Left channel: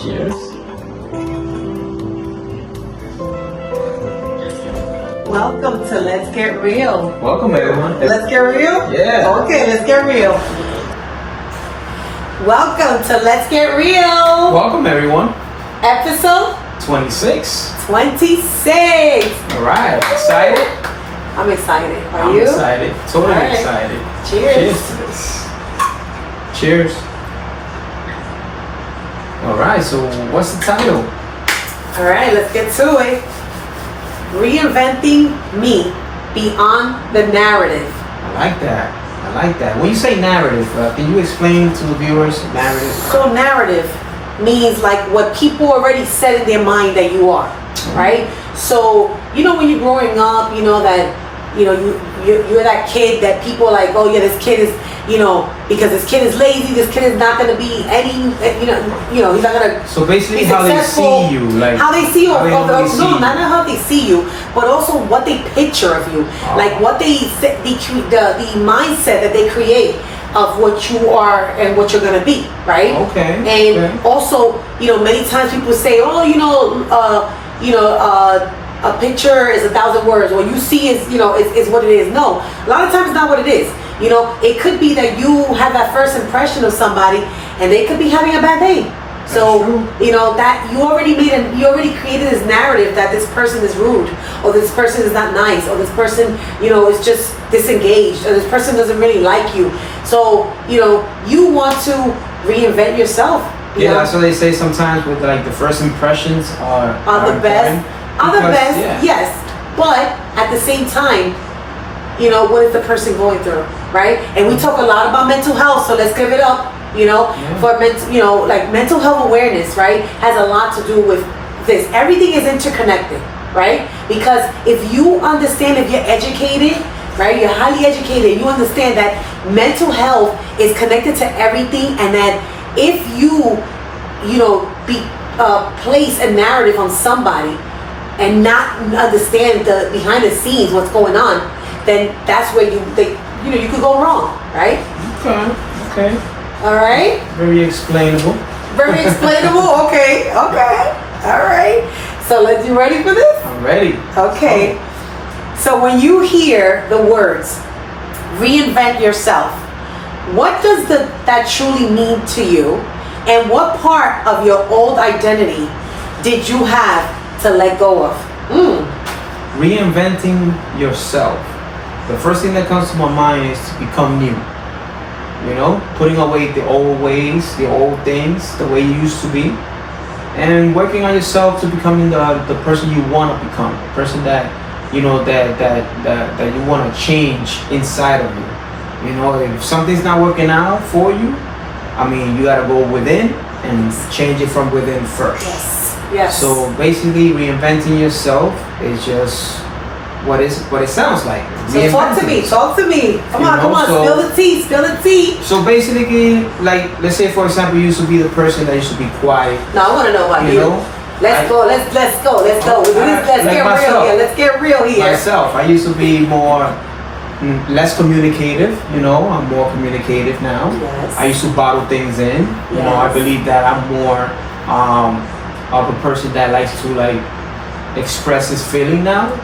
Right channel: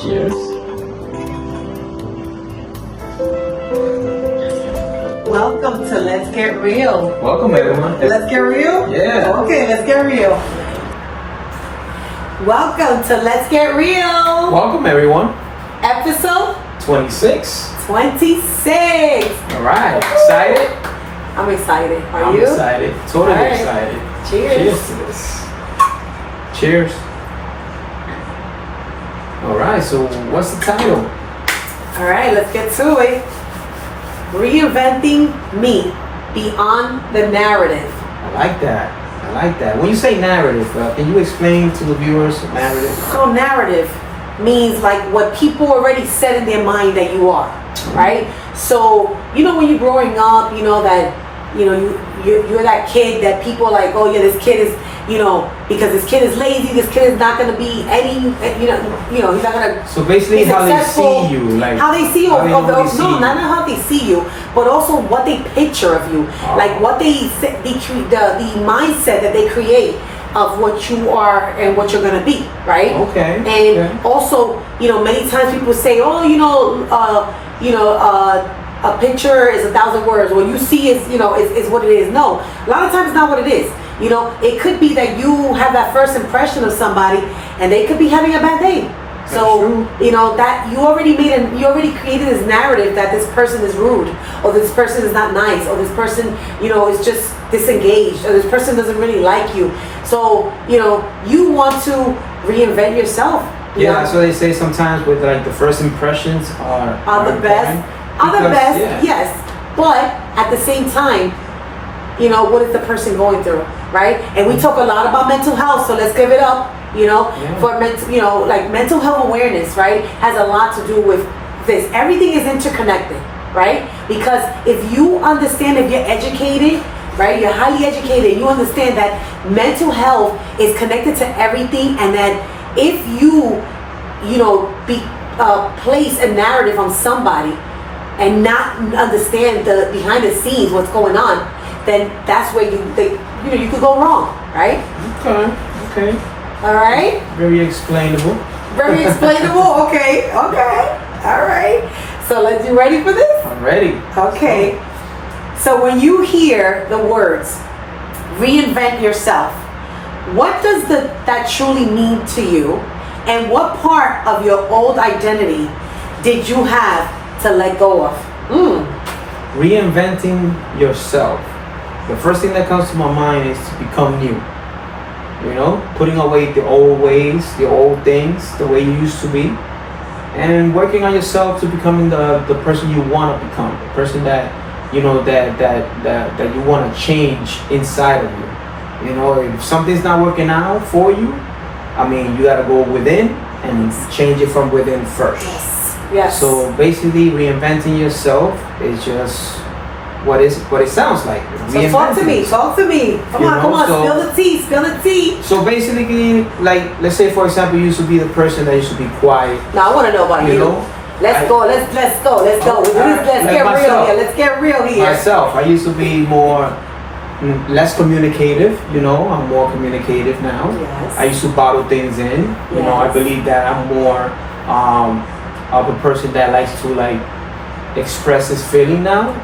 Cheers. Welcome to Let's Get Real. Welcome, everyone. Let's get real? Yeah. Okay, let's get real. Welcome to Let's Get Real. Welcome, everyone. Episode 26. 26. All right. Excited? I'm excited. Are I'm you? excited. Totally All right. excited. Cheers. Cheers to this. Cheers. All right. So, what's the title? All right, let's get to it. Reinventing me beyond the narrative. I like that. I like that. When you say narrative, can you explain to the viewers narrative? So narrative means like what people already said in their mind that you are, right? So, you know, when you're growing up, you know that, you know, you're that kid that people are like, oh yeah, this kid is, you know, because this kid is lazy, this kid is not going to be any, you know, he's not going to. So basically, be how they successful. see you, like how they see you, how they see you. not how they see you, but also what they picture of you, like what the mindset that they create of what you are and what you're gonna be, right? Okay. And also, you know, many times people say, oh, a picture is 1,000 words. What you see is what it is. No, a lot of times it's not what it is. You know, it could be that you have that first impression of somebody, and they could be having a bad day. So, you know, that you already created this narrative that this person is rude, or this person is not nice, or this person, you know, is just disengaged, or this person doesn't really like you. So, you know, you want to reinvent yourself. Yeah, that's what they say sometimes with like the first impressions are the best. Are the best, yeah. yes. But at the same time, you know, what is the person going through, right? And we talk a lot about mental health, so let's give it up. You know, for mental health awareness, right, has a lot to do with this. Everything is interconnected, right? Because if you understand, if you're educated, right, you're highly educated, you understand that mental health is connected to everything, and that if you place a narrative on somebody and not understand the behind the scenes, what's going on, then that's where you could go wrong, right? Okay. All right. Very explainable. Very explainable. Okay. All right. So you ready for this? I'm ready. Okay. So when you hear the words reinvent yourself, what does that truly mean to you? And what part of your old identity did you have to let go of? Reinventing yourself. The first thing that comes to my mind is to become new. You know, putting away the old ways, the old things, the way you used to be, and working on yourself to becoming the person you want to become, the person that you know that you want to change inside of you. You know, if something's not working out for you, I mean, you got to go within and change it from within first. Yes. So basically, reinventing yourself is just what it sounds like. So talk to me. Come on, spill the tea. So basically, like, let's say for example, you used to be the person that used to be quiet. No, I want to know about you. Let's go. Let's go. Let's get real here. Myself, I used to be less communicative. You know, I'm more communicative now. Yes. I used to bottle things in. You know, I believe that I'm more of a person that likes to like express his feeling now.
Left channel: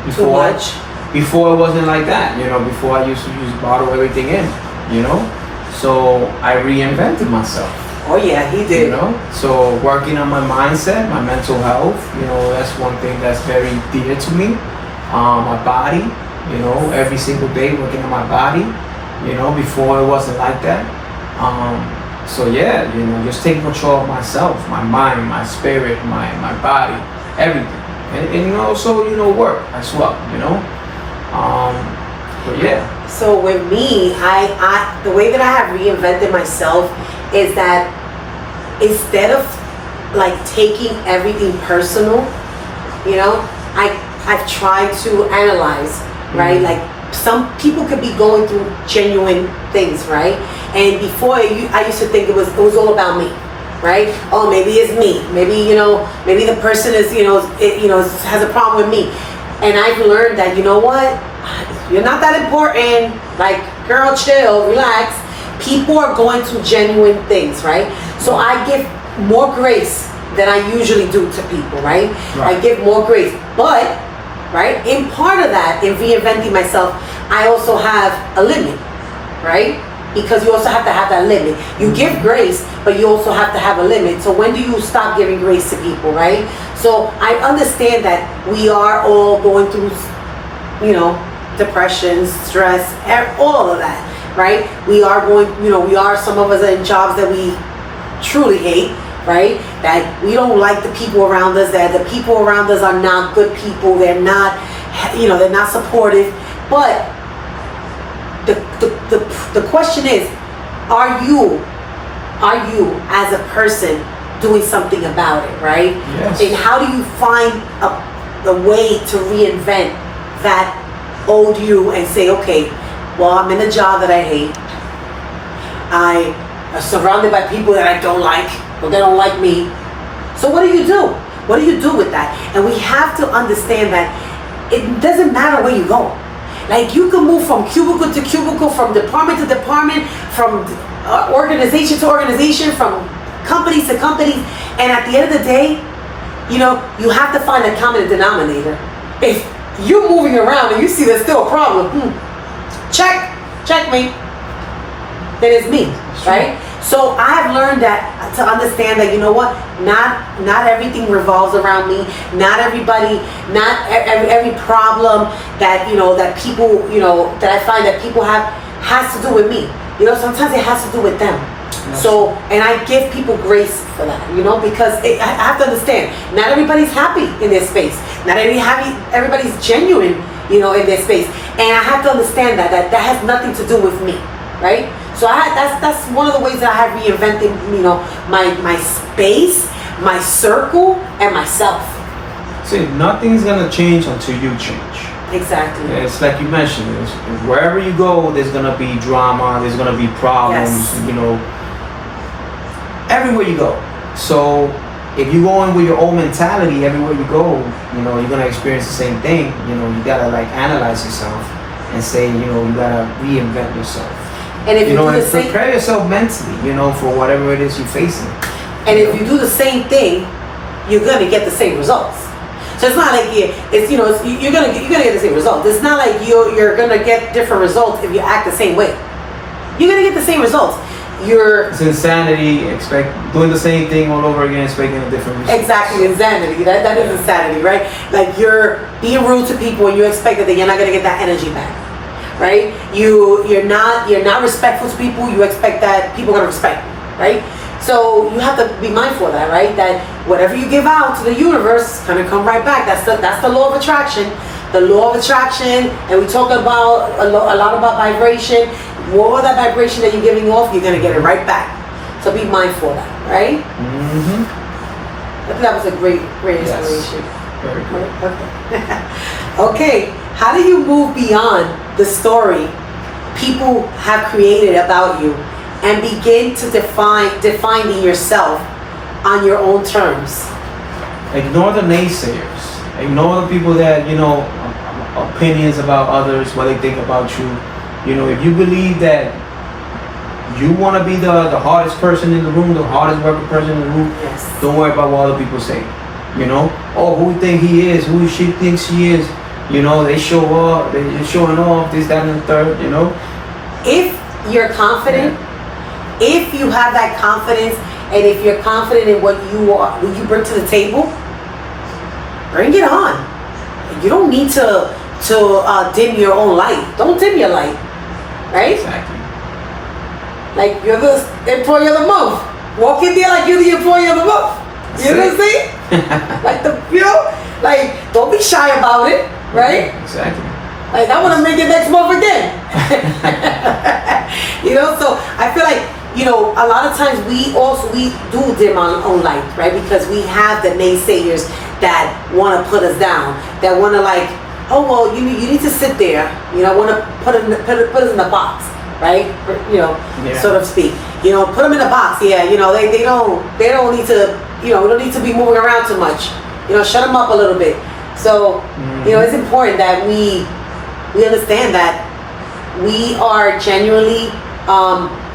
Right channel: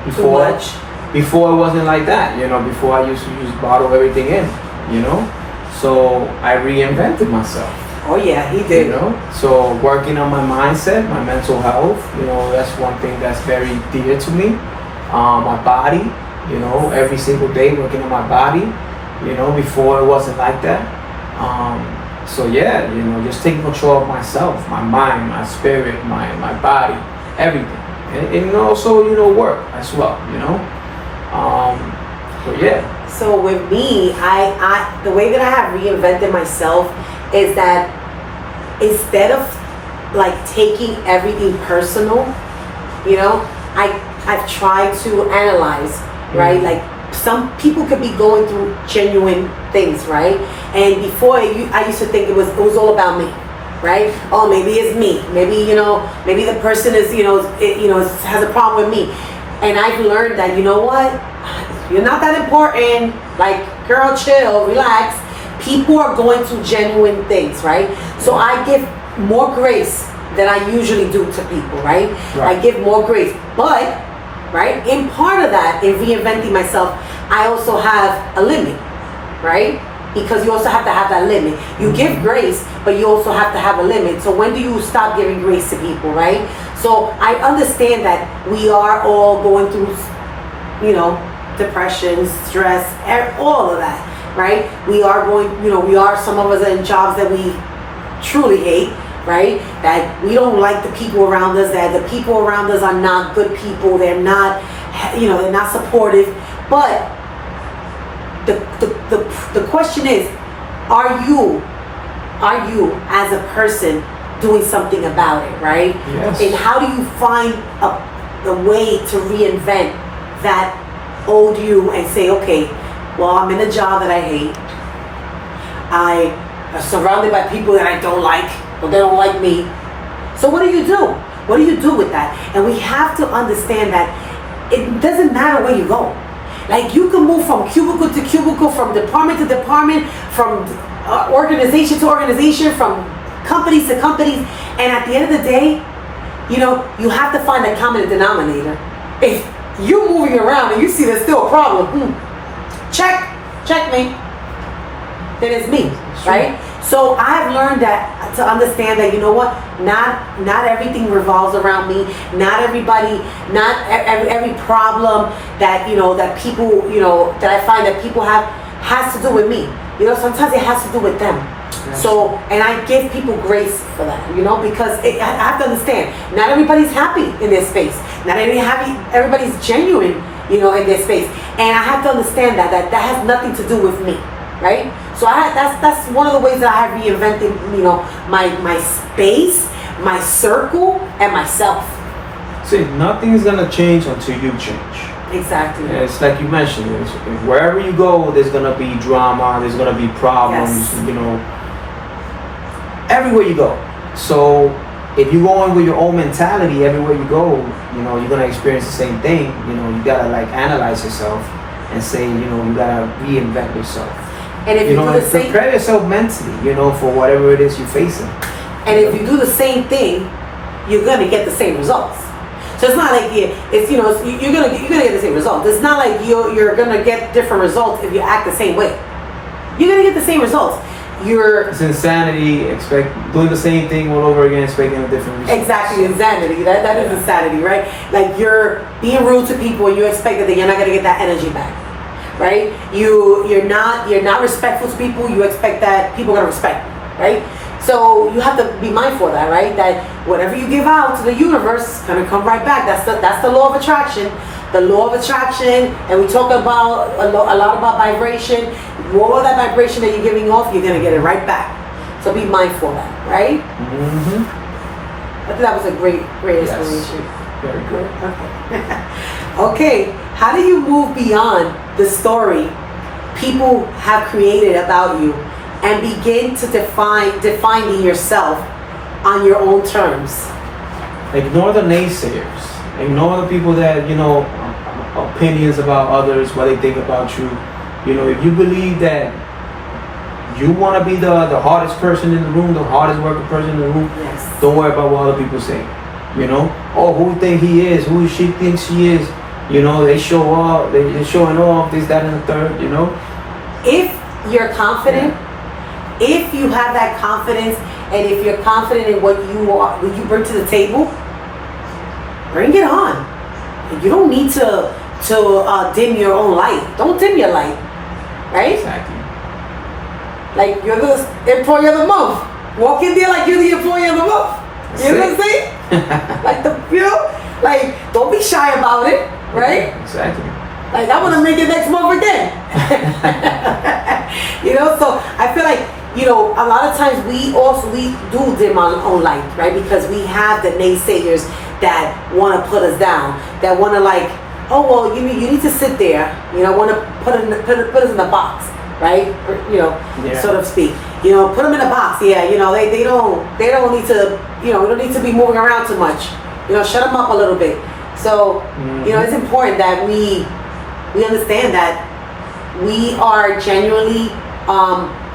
Before it wasn't like that, you know. Before I used to just bottle everything in, you know. So I reinvented myself. Oh yeah, he did. You know. So working on my mindset, my mental health, you know, that's one thing that's very dear to me. My body, you know, every single day working on my body. You know, before it wasn't like that. So yeah, you know, just taking control of myself, my mind, my spirit, my body, everything. And also, you know, work as well, you know. But yeah. So with me, I the way that I have reinvented myself is that instead of like taking everything personal, you know, I've tried to analyze, right? Like some people could be going through genuine things, right? And before I used to think it was all about me. Right? Oh, maybe it's me. Maybe the person is, has a problem with me. And I've learned that, you know what? You're not that important. Like, girl, chill, relax. People are going through genuine things, right? So I give more grace than I usually do to people, right? Right. I give more grace. But, right, in part of that, in reinventing myself, I also have a limit, right? Because you also have to have that limit. You give grace, but you also have to have a limit. So when do you stop giving grace to people, right? So I understand that we are all going through, depression, stress, all of that, right? We are going, some of us are in jobs that we truly hate, right? That we don't like the people around us, that the people around us are not good people, they're not, they're not supportive. But the question is, are you as a person doing something about it, right? Yes. And how do you find the way to reinvent that old you and say, okay, well, I'm in a job that I hate. I am surrounded by people that I don't like, or they don't like me. So what do you do? What do you do with that? And we have to understand that it doesn't matter where you go. Like, you can move from cubicle to cubicle, from department to department, from organization to organization, from companies to companies. And at the end of the day, you have to find a common denominator. If you're moving around and you see there's still a problem, checkmate, then it's me, right? So I have learned that, to understand that, not everything revolves around me. Not everybody, not every problem that, that people, that I find that people have has to do with me. Sometimes it has to do with them. Yes. So, and I give people grace for that, because I have to understand, not everybody's happy in their space. Not everybody's genuine, in their space. And I have to understand that has nothing to do with me, right? So that's one of the ways that I have reinvented, my space, my circle, and myself. See, nothing's gonna change until you change. Exactly. Yeah, it's like you mentioned, wherever you go, there's gonna be drama, there's gonna be problems, yes. Everywhere you go. So if you go in with your own mentality everywhere you go, you're gonna experience the same thing. You gotta analyze yourself and say, you gotta reinvent yourself. And if and prepare yourself mentally, for whatever it is you're facing. And if you do the same thing, you're gonna get the same results. So it's not like you're gonna get the same results. It's not like you're gonna get different results if you act the same way. You're gonna get the same results. It's insanity, doing the same thing all over again, expecting a different result. Exactly, insanity. That is insanity, right? Like, you're being rude to people and you expect that you're not gonna get that energy back, right? You're not respectful to people. You expect that people are gonna respect you, right? So you have to be mindful of that, right? That whatever you give out to the universe is gonna come right back. That's the law of attraction. The law of attraction, and we talk about a lot about vibration. More of that vibration that you're giving off, you're gonna get it right back. So be mindful of that, right? Mm-hmm. I think that was a great inspiration. Yes. Very good. Okay, how do you move beyond the story people have created about you and begin to defining yourself on your own terms? Ignore the naysayers. Ignore the people that, opinions about others, what they think about you. If you believe that you want to be the hardest person in the room, the hardest working person in the room, yes. Don't worry about what other people say. Who you think he is, who she thinks she is. They show up, they're showing off, this, that, and the third, If you're confident, if you have that confidence, and if you're confident in what you bring to the table, bring it on. You don't need to dim your own light. Don't dim your light, right? Exactly. Like, you're the employee of the month. Walk in there like you're the employee of the month. You know what I'm saying? Like, don't be shy about it, right? Exactly. Like, I want to make it next month again. So I feel like, a lot of times we do dim our own light, right? Because we have the naysayers that want to put us down, that want to you need to sit there, want to put us in the box, right? So to speak. Put them in a box. Yeah, they don't need to, don't need to be moving around too much. Shut them up a little bit. So, it's important that we understand that we are genuinely,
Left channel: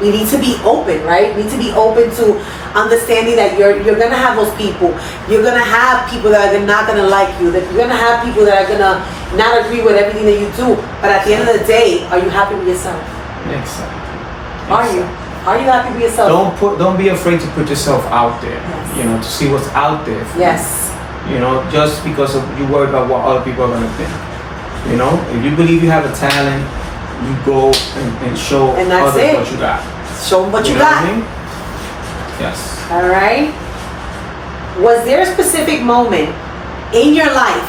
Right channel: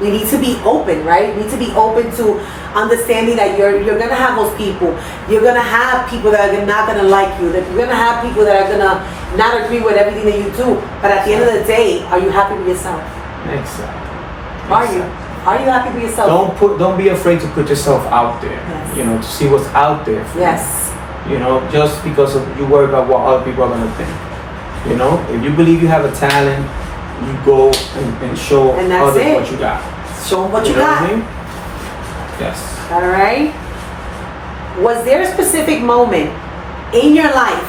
we need to be open, right? We need to be open to understanding that you're gonna have those people. You're gonna have people that are not gonna like you. That you're gonna have people that are gonna not agree with everything that you do. But at the end of the day, are you happy with yourself? Exactly. Are you? Are you happy with yourself? Don't be afraid to put yourself out there. Yes. You know, to see what's out there. Yes. You know, just because of you worry about what other people are gonna think. You know, if you believe you have a talent, you go and show others what you got. Show them what you know got. What I mean? Yes. All right. Was there a specific moment in your life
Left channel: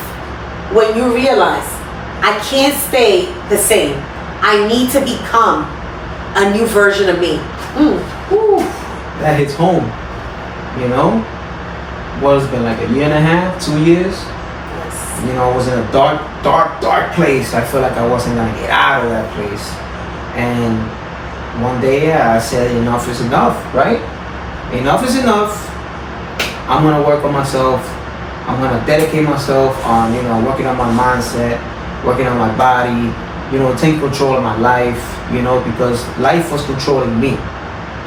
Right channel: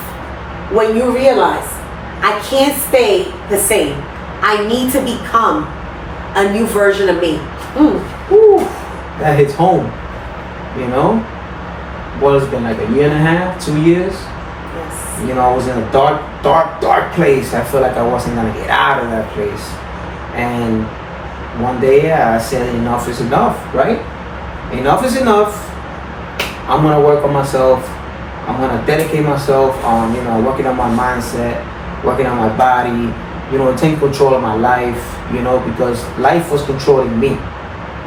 when you realized, I can't stay the same. I need to become a new version of me? Ooh. That hits home. You know, what has been like a year and a half, 2 years. Yes. You know, I was in a dark place. I feel like I wasn't gonna get out of that place. And one day I said, enough is enough, right? Enough is enough. I'm gonna work on myself. I'm gonna dedicate myself on, working on my mindset, working on my body, take control of my life, because life was controlling me,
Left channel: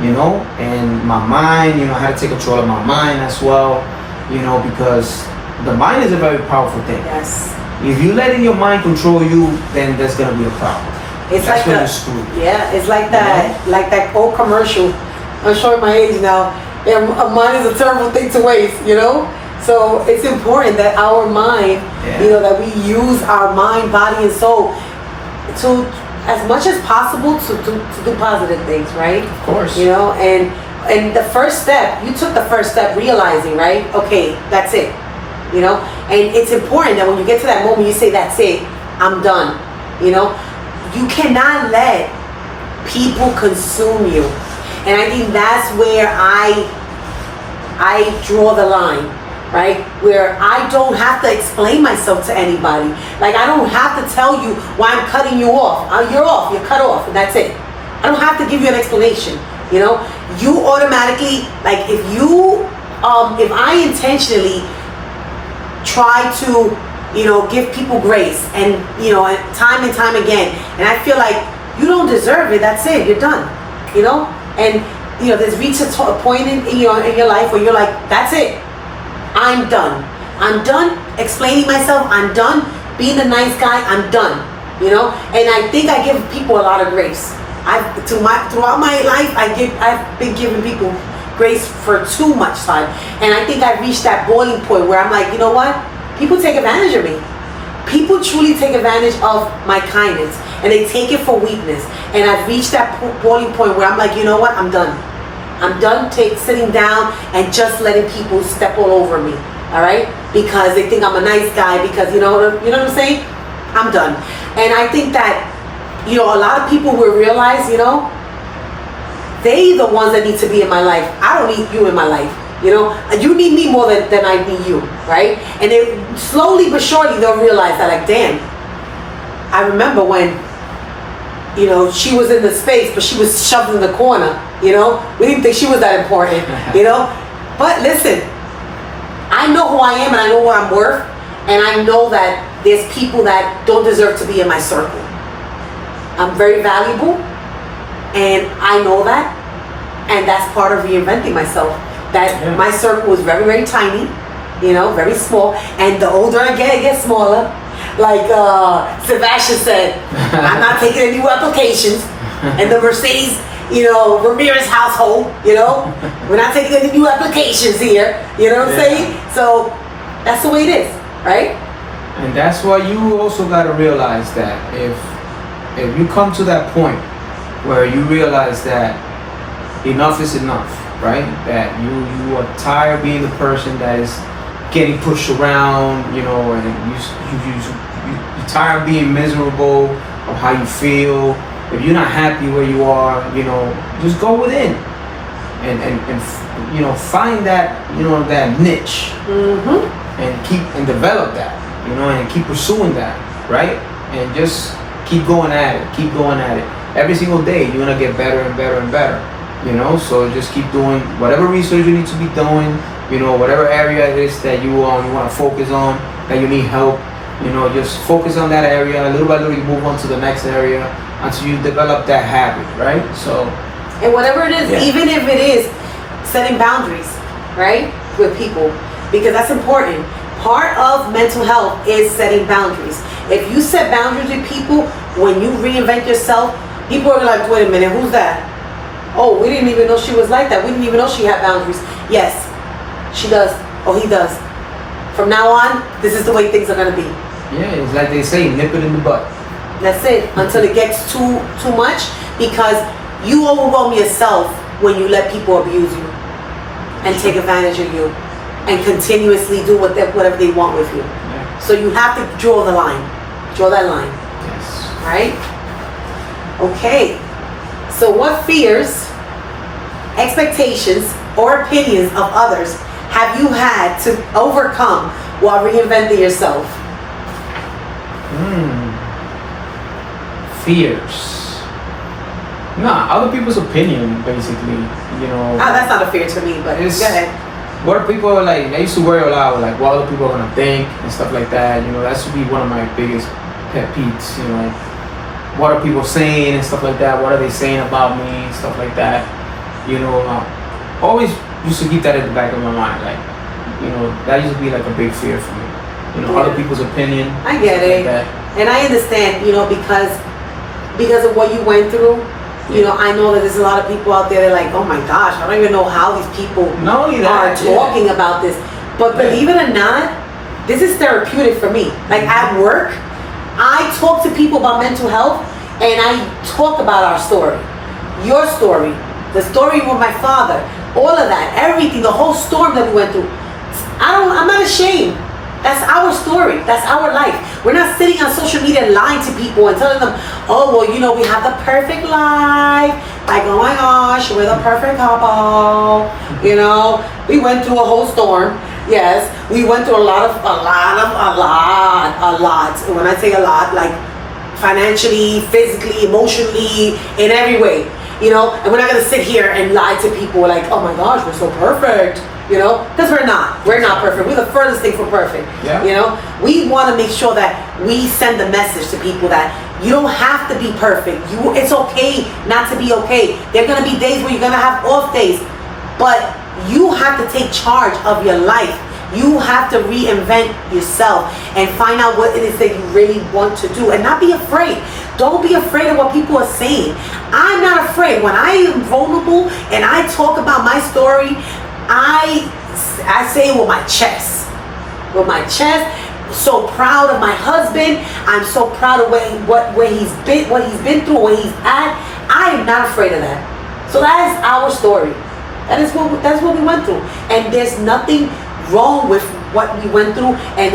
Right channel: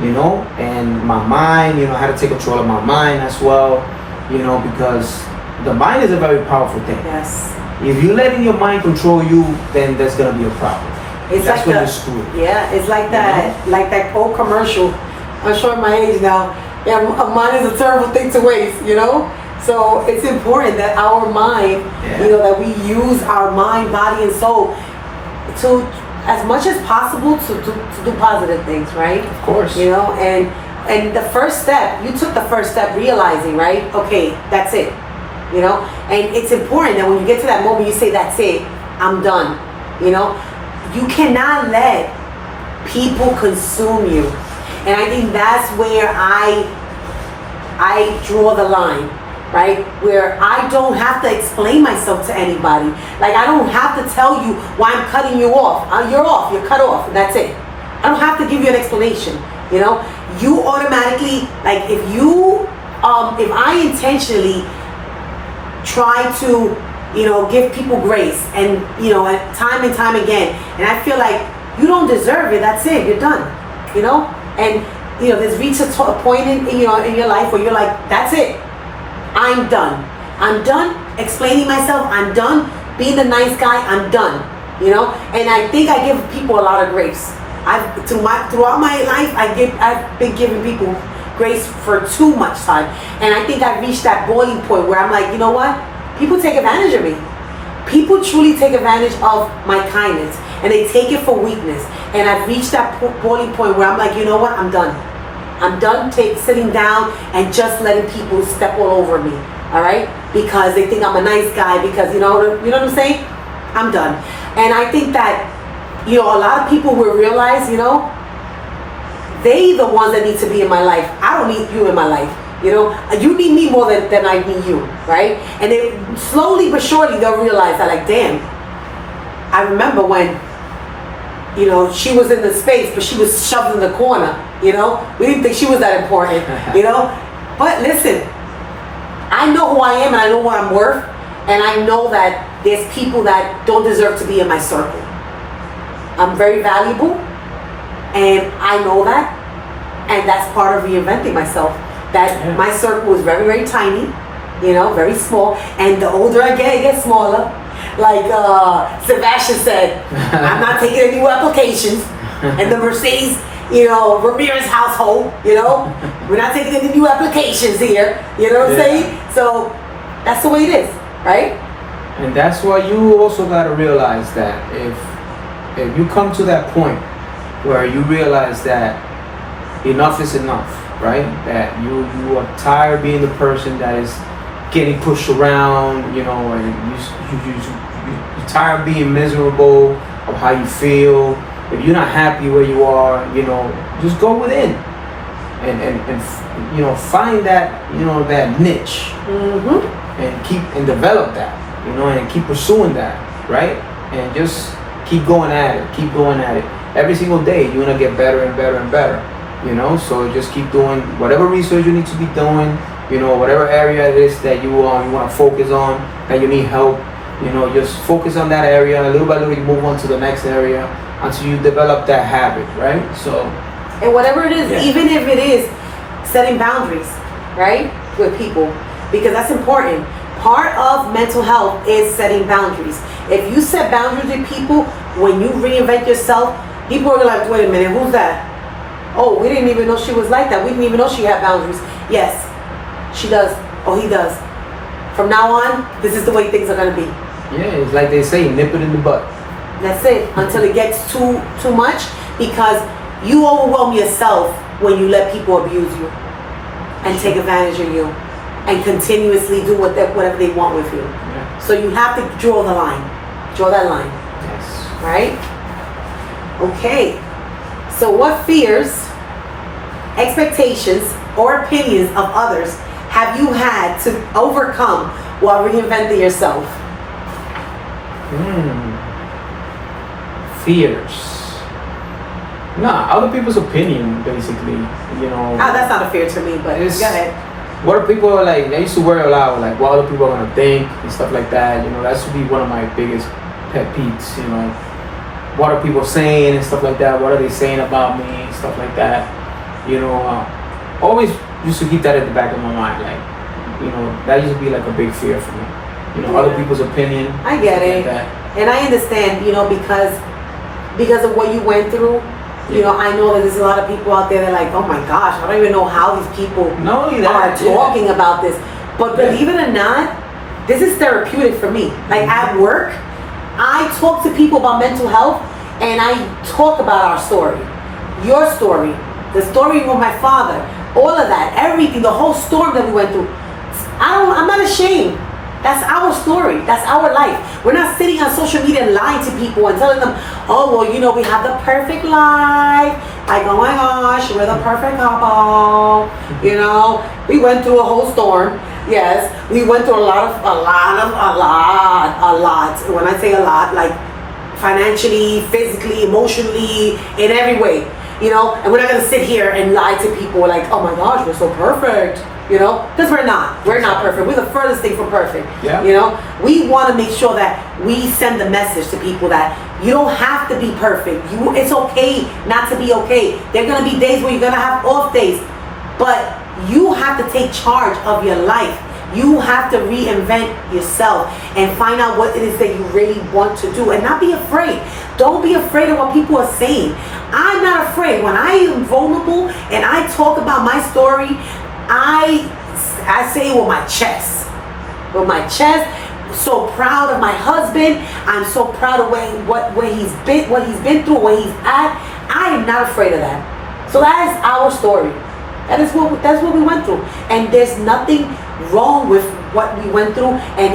and my mind, I had to take control of my mind as well, because the mind is a very powerful thing. Yes. If you letting your mind control you, then there's gonna be a problem. That's when you're screwed. Yeah, it's like that, like that old commercial. I'm showing my age now. Yeah, money is a terrible thing to waste, So it's important that our mind, that we use our mind, body, and soul to, as much as possible, to do positive things, right? Of course. And the first step, you took the first step, realizing, right? Okay, that's it. And it's important that when you get to that moment, you say, that's it, I'm done. You cannot let people consume you. And I think that's where I draw the line, right? Where I don't have to explain myself to anybody. Like, I don't have to tell you why I'm cutting you off. You're off, you're cut off, and that's it. I don't have to give you an explanation, You automatically, like, if I intentionally try to, give people grace and time again, and I feel like you don't deserve it, that's it, you're done, and there's reached a point in your life where you're like, that's it, I'm done explaining myself, I'm done being the nice guy, I'm done, and I think I give people a lot of grace. Throughout my life, I've been giving people grace for too much time, and I think I've reached that boiling point where I'm like, you know what? People take advantage of me. People truly take advantage of my kindness, and they take it for weakness. And I've reached that boiling point where I'm like, you know what? I'm done. I'm done sitting down and just letting people step all over me. All right? Because they think I'm a nice guy. Because you know what I'm saying? I'm done. And I think that a lot of people will realize, they the ones that need to be in my life. I don't need you in my life. You need me more than I need you, right? And then slowly but surely they'll realize that, like, damn, I remember when, she was in the space, but she was shoved in the corner, we didn't think she was that important, But listen, I know who I am and I know what I'm worth, and I know that there's people that don't deserve to be in my circle. I'm very valuable, and I know that, and that's part of reinventing myself. That my circle is very, very tiny, very small, and the older I get, it gets smaller. Like Sebastian said, I'm not taking any new applications, and the Mercedes, Ramirez household, we're not taking any new applications here, what I'm saying? So that's the way it is, right? And that's why you also got to realize that if you come to that point where you realize that enough is enough, right? That you are tired of being the person that is getting pushed around, and you're tired of being miserable of how you feel. If you're not happy where you are, just go within and find that that niche, and develop that, and keep pursuing that, right? And just keep going at it. Every single day you're gonna get better and better and better. So just keep doing whatever research you need to be doing, whatever area it is that you want to focus on, that you need help, just focus on that area. Little by little you move on to the next area until you develop that habit, right? So And whatever it is, Yeah. even if it is setting boundaries, right, with people, because that's important. Part of mental health is setting boundaries. If you set boundaries with people, when you reinvent yourself, people are like, wait a minute, who's that? Oh, we didn't even know she was like that. We didn't even know she had boundaries. Yes, she does. Oh, he does. From now on, this is the way things are going to be. Yeah, it's like they say, nip it in the butt. That's it. Until it gets too much, because you overwhelm yourself when you let people abuse you and take advantage of you and continuously do whatever they want with you. Yeah. So you have to draw the line. Draw that line. Yes. Right? Okay. So what fears, expectations, or opinions of others have you had to overcome while reinventing yourself? Fears. Nah, other people's opinion, basically. You know. Oh, that's not a fear to me, but go ahead. What are people like? I used to worry a lot with like what other people are gonna think and stuff like that. You know, that should be one of my biggest pet peeves. You know, what are people saying and stuff like that? What are they saying about me and stuff like that? You know, always used to keep that at the back of my mind. Like, you know, that used to be like a big fear for me. You know, other people's opinion. I get it, like that. And I understand. You know, because of what you went through. You know, I know that there's a lot of people out there that are like, oh my gosh, I don't even know how these people are talking about this. But believe it or not, this is therapeutic for me. Like at work, I talk to people about mental health and I talk about our story, your story, the story with my father, all of that, everything, the whole storm that we went through. I'm not ashamed. That's our story. That's our life. We're not sitting on social media lying to people and telling them, oh, well, you know, we have the perfect life. Like, oh my gosh, we're the perfect couple. You know, we went through a whole storm. Yes, we went through a lot. When I say a lot, like financially, physically, emotionally, in every way. You know, and we're not going to sit here and lie to people like, oh my gosh, we're so perfect. You know, because we're not perfect. We're the furthest thing from perfect. Yeah. You know, we want to make sure that we send the message to people that you don't have to be perfect. It's okay not to be okay. There are going to be days where you're going to have off days, but you have to take charge of your life. You have to reinvent yourself and find out what it is that you really want to do and not be afraid. Don't be afraid of what people are saying. I'm not afraid. When I am vulnerable and I talk about my story, I say it with my chest. With my chest. So proud of my husband. I'm so proud of what he's been through, where he's at. I am not afraid of that. So that is our story. That's what we went through. And there's nothing wrong with what we went through and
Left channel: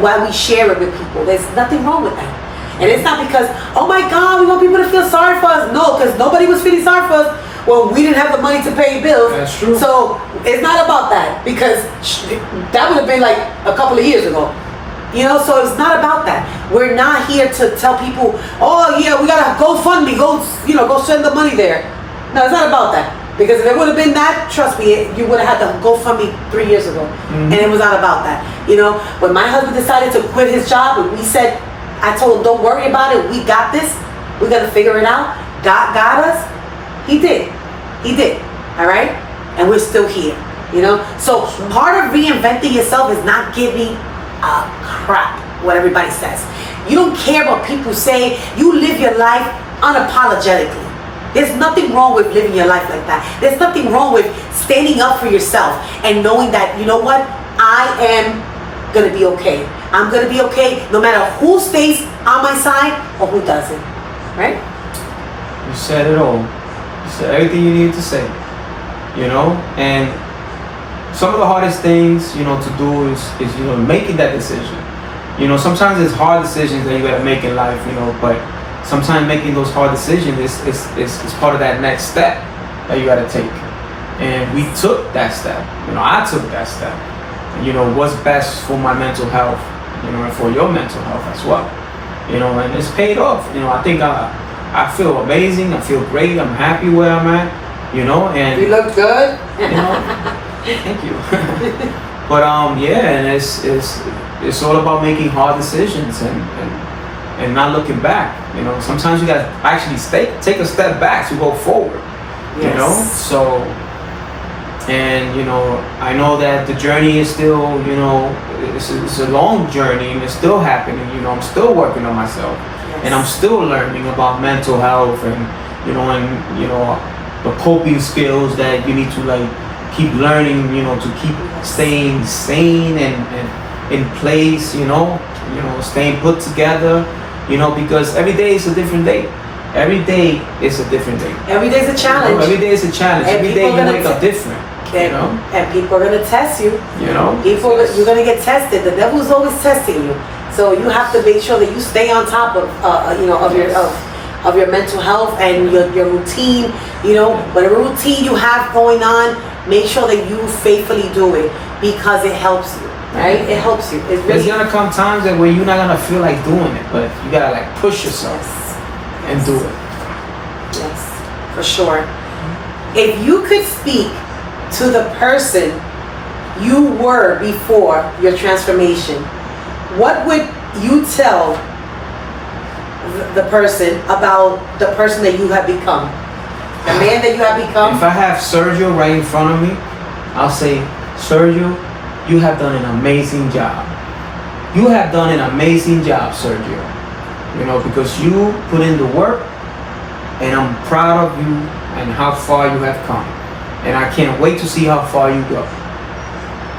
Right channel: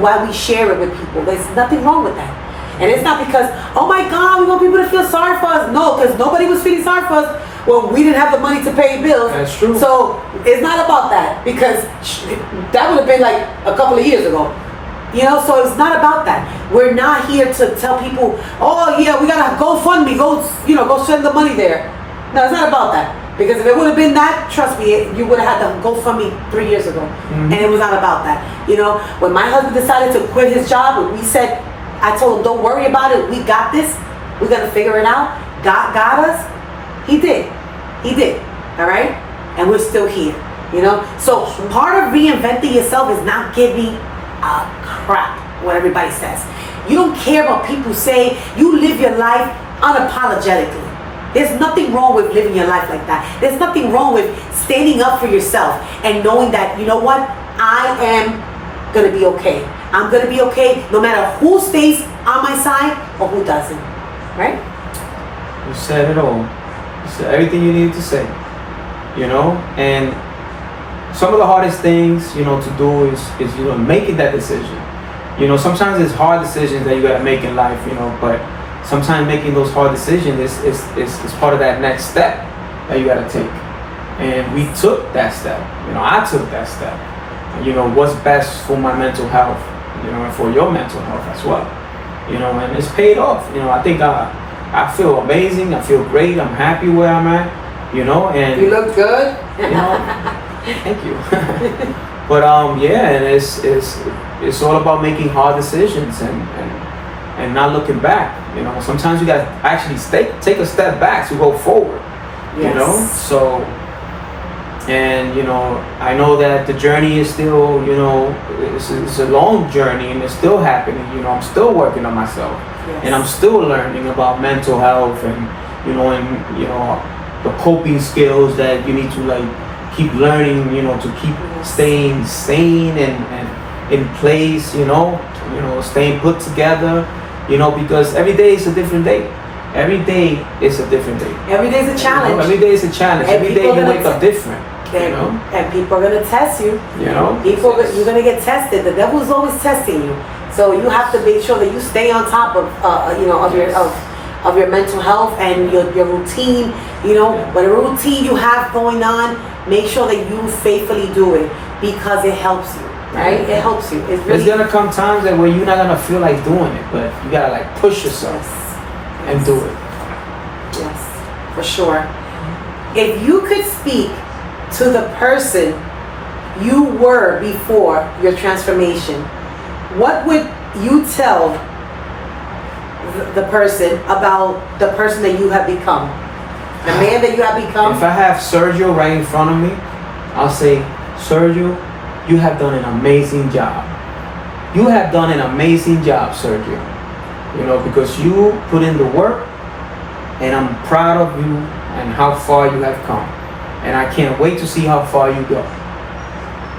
why we share it with people. There's nothing wrong with that. And it's not because, oh my God, we want people to feel sorry for us. No, because nobody was feeling sorry for us. Well, we didn't have the money to pay bills. That's true. So it's not about that, because that would have been like a couple of years ago. You know, so it's not about that. We're not here to tell people, oh yeah, we gotta GoFundMe, go send the money there. No, it's not about that. Because if it would have been that, trust me, you would have had to GoFundMe 3 years ago. Mm-hmm. And it was not about that. You know, when my husband decided to quit his job, when I told him, don't worry about it, we got this. We're gonna figure it out. God got us. He did. All right? And we're still here. You know? So part of reinventing yourself is not giving a crap what everybody says. You don't care what people say. You live your life unapologetically. There's nothing wrong with living your life like that. There's nothing wrong with standing up for yourself and knowing that, you know what? I am going to be okay. I'm going to be okay no matter who stays on my side or who doesn't. Right? You said it all. You said everything you needed to say. You know? And some of the hardest things, you know, to do is making that decision. You know, sometimes it's hard decisions that you got to make in life, you know, but sometimes making those hard decisions is part of that next step that you got to take. And we took that step. You know, I took that step. And, you know, what's best for my mental health, you know, and for your mental health as well. You know, and it's paid off. You know, I think I feel amazing. I feel great. I'm happy where I'm at, you know, and you look good. You know, thank you. But yeah, and it's all about making hard decisions and not looking back. You know, sometimes you gotta actually take a step back to go forward. You know, so, and I know that the journey is still, it's a long journey and it's still happening. I'm still working on myself, and I'm still learning about mental health and the coping skills that you need to like keep learning, to keep staying sane and in place, staying put together, because every day is a different day. Every day is a different day. Every day is a challenge. Every day is a challenge. Every day you wake up different. And people are gonna test you. You're gonna get tested. The devil is always testing you. So you have to make sure that you stay on top of of your mental health and your routine. Whatever routine you have going on, make sure that you faithfully do it because it helps you. Right? It helps you. There's gonna come times that where you're not gonna feel like doing it, but you gotta like push yourself and do it. Yes, for sure. If you could speak to the person you were before your transformation, what would you tell the person about the person that you have become? The man that you have become? If I have Sergio right in front of me, I'll say, Sergio, you have done an amazing job. You have done an amazing job, Sergio. Because you put in the work, and I'm proud of you and how far you have come. And I can't wait to see how far you go.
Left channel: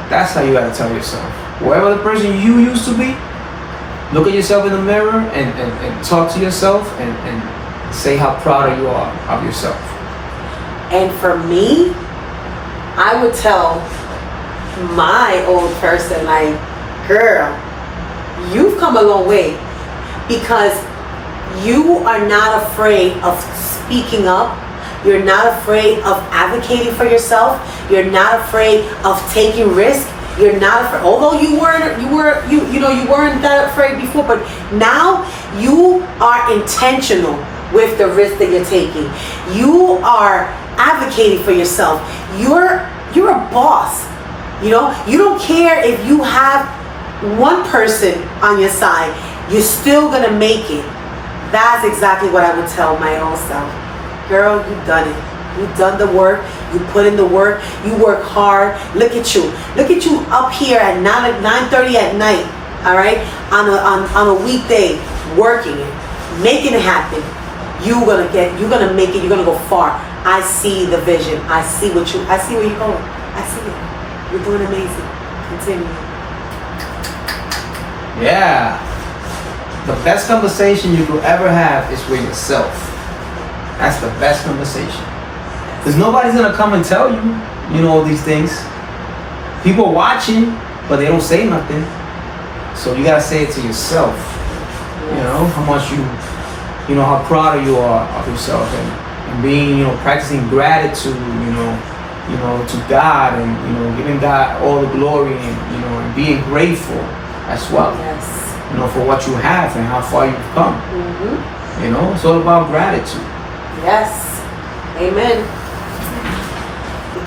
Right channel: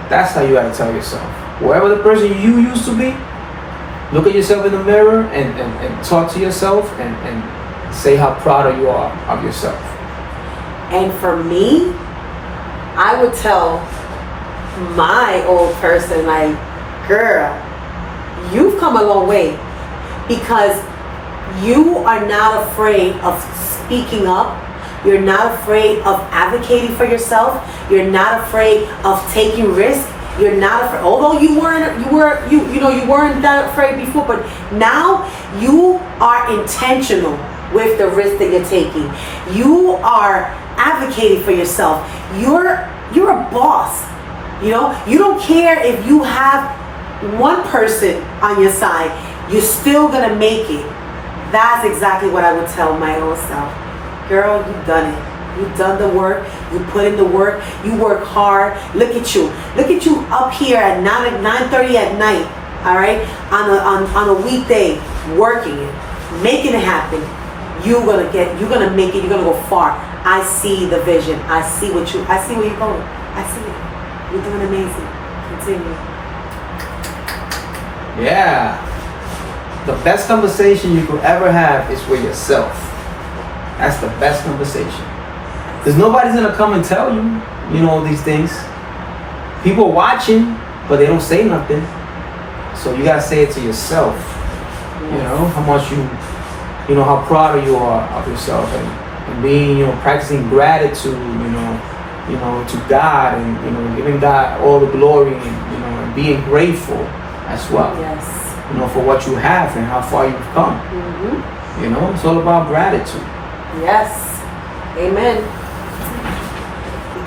That's how you gotta tell yourself. Whoever the person you used to be, look at yourself in the mirror and talk to yourself and say how proud you are of yourself. And for me, I would tell my old person, like, girl, you've come a long way, because you are not afraid of speaking up. You're not afraid of advocating for yourself. You're not afraid of taking risks. You're not afraid, although you weren't that afraid before, but now you are intentional with the risk that you're taking. You are advocating for yourself. You're a boss. You don't care if you have one person on your side. You're still gonna make it. That's exactly what I would tell my own self. Girl, you've done it. You've done the work. You put in the work. You work hard. Look at you. Look at you up here at 9:30 at night. All right, on a weekday, working it, making it happen. You're gonna make it. You're gonna go far. I see the vision. I see where you're going. I see it. You're doing amazing. Continue. Yeah. The best conversation you could ever have is with yourself. That's the best conversation. Because nobody's going to come and tell you, all these things. People are watching, but they don't say nothing. So you got to say it to yourself. How much how proud you are of yourself and being, practicing gratitude, to God and, giving God all the glory and being grateful as well. Yes. For what you have and how far you've come. It's all about gratitude. Yes. Amen.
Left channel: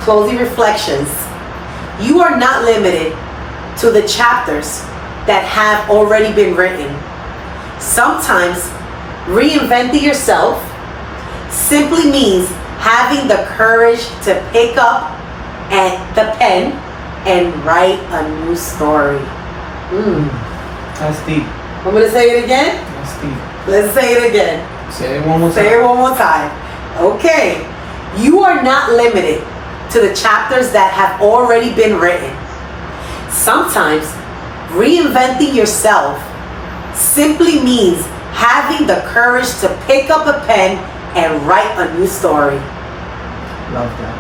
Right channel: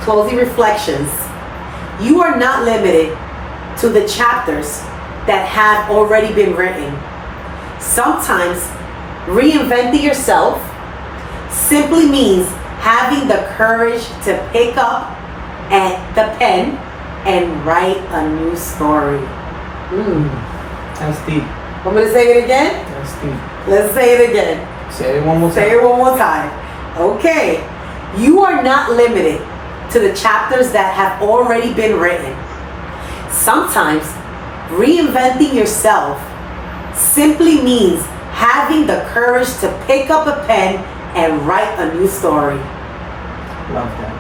Closing reflections. You are not limited to the chapters that have already been written. Sometimes reinventing yourself simply means having the courage to pick up the pen and write a new story. That's deep. I'm going to say it again. That's deep. Let's say it again. Say it one more time. Say it one more time. Okay. You are not limited to the chapters that have already been written. Sometimes reinventing yourself simply means having the courage to pick up a pen and write a new story. Love that.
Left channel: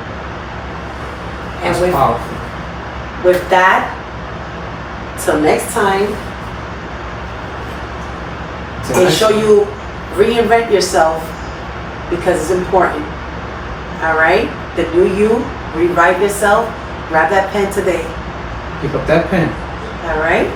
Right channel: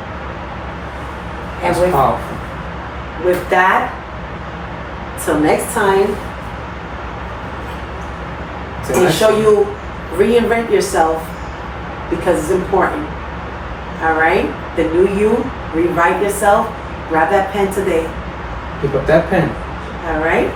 That's powerful. With that, till next time, make sure you reinvent yourself because it's important. All right? The new you, rewrite yourself. Grab that pen today. Pick up that pen. All right?